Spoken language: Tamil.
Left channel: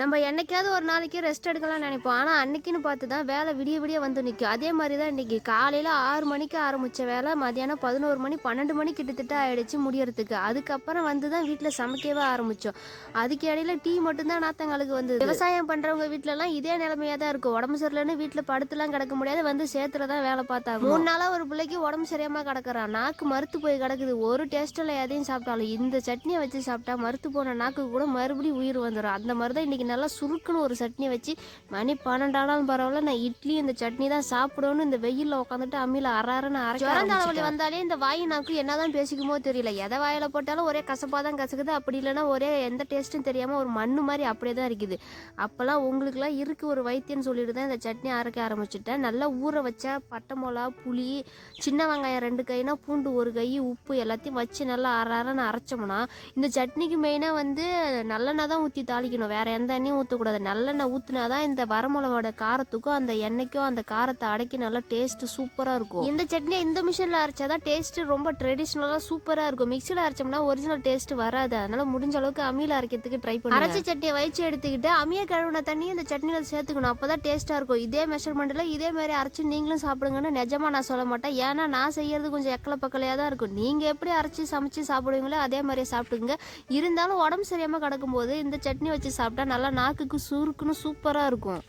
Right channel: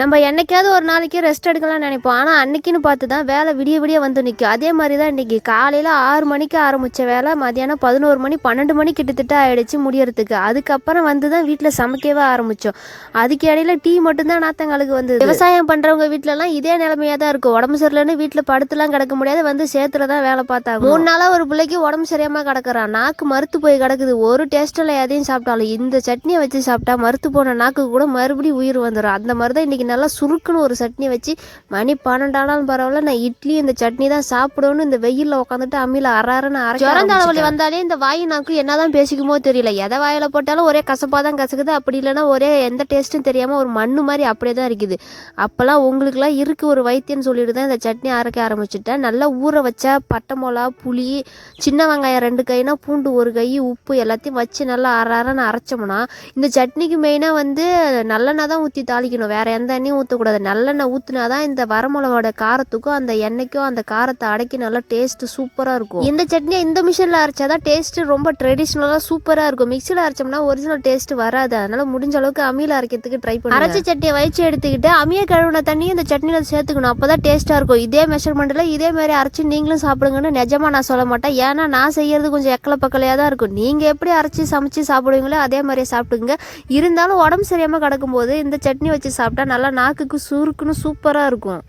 நம்ம என்னைக்காவது ஒரு நாளைக்கு ரெஸ்ட் எடுக்கலாம்னு நினைப்போம். ஆனால் அன்னைக்குன்னு பார்த்து தான் வேலை விடிய விடிய வந்து நிற்கும். அதே மாதிரி தான் இன்றைக்கி காலையில் 6 மணிக்கு ஆரம்பித்த வேலை மதியானம் 11 மணி 12 மணி கிட்டத்தட்ட ஆகிடுச்சு முடியறதுக்கு. அதுக்கப்புறம் வந்து தான் வீட்டில் சமைக்கவே ஆரம்பித்தோம். அதுக்கு இடையில டீ மட்டும்தான் நாத்தங்களுக்கு வந்து. விவசாயம் பண்ணுறவங்க வீட்டிலலாம் இதே நிலைமையாக தான் இருக்கும். உடம்பு சரியில்லைன்னு வீட்டில் படுத்துலாம் கிடக்க முடியாது, வந்து சேத்துல தான் வேலை பார்த்தாங்க. 3 நாளாக ஒரு பிள்ளைக்கு உடம்பு சரியாமல் கிடக்குறான். நாக்கு மறுத்து போய் கிடக்குது. ஒரு டேஸ்ட்டில் எதையும் சாப்பிட்டாலும் இந்த சட்னியை வச்சு சாப்பிட்டா மறுத்து போன நாக்கு கூட மறுபடியும் உயிர் வந்துடும். அந்த மாதிரி தான் இன்றைக்கி நல்லா சுருக்குன்னு ஒரு சட்னி வச்சு மணி 12 ஆனாலும் பரவாயில்ல, நான் இட்லி இந்த சட்னி தான் சாப்பிடணும்னு இந்த வெயிலில் உட்காந்துட்டு அம்மியில் அறாருன்னு ஜுரம் தலைவலி வந்தாலே இந்த வாய் நாக்கு என்னதான் பேசிக்குமோ தெரியல. எதை வாயில் போட்டாலும் ஒரே கசப்பாக தான் கசக்குது. அப்படி இல்லைன்னா ஒரே எந்த டேஸ்ட்டும் தெரியாமல் ஒரு மண்ணு மாதிரி அப்படியே தான் இருக்குது. அப்போல்லாம் உங்களுக்குலாம் இருக்குது ஒரு வைத்தியன்னு சொல்லிட்டு தான் இந்த சட்னி அரைக்க ஆரம்பிச்சுட்டேன். நல்லா ஊற வச்சா பட்டை மிளகா, புளி, சின்ன வெங்காயம் 2 கைனா, பூண்டு 1 கை, உப்பு எல்லாத்தையும் வச்சு நல்லா அரைன்னு அரைச்சோம்னா இந்த சட்னிக்கு மெயினாக வந்து நல்லெண்ணெய் தான் ஊற்றி தாளிக்கணும். வேற எந்த எண்ணெயும் ஊற்றக்கூடாது. நல்லெண்ணெய் ஊற்றினா தான் இந்த வரமிளகோட காரத்துக்கும் அந்த எண்ணெய்க்கும் அந்த காரத்தை அடக்கி நல்லா டேஸ்ட்டு சூப்பராக இருக்கும். இந்த சட்னியை இந்த மிஷினில் அரைச்சாதான் டேஸ்ட்டு ரொம்ப ட்ரெடிஷ்னலாக சூப்பராக இருக்கும். மிக்சியில் அரைச்சோம்னா ஒரிஜினல் டேஸ்ட்டு வராது. அதனால் முடிஞ்ச அளவுக்கு அம்மியில் அரைக்கிறதுக்கு ட்ரை பண்ணி அரைச்சி சட்னியை வச்சு எடுத்துக்கிட்டு அம்மியை கழுவின தண்ணியும் இந்த சட்னியில் சேர்த்துக்கணும். அப்போ தான் டேஸ்ட்டாக இருக்கும். இதே மெஷர்மெண்ட்டில் இதே மாதிரி அரைச்சி நீங்களும் சாப்பிடுங்கன்னு நிஜமாக நான் சொல்ல மாட்டேன். ஏன்னா நான் செய்யறது கொஞ்சம் எக்கலை பக்கலையாக தான் இருக்கும். நீங்கள் எப்படி அரைச்சி சமைச்சு சாப்பிடுவீங்களோ அதே மாதிரியே சாப்பிட்டுங்க. இருந்தாலும் உடம்பு சரியாமல் கிடக்கும்போது இந்த சட்னி வச்சு சாப்பிட்டா நல்லா நாக்குக்கு சுருக்குன்னு சூப்பராக இருக்கும்.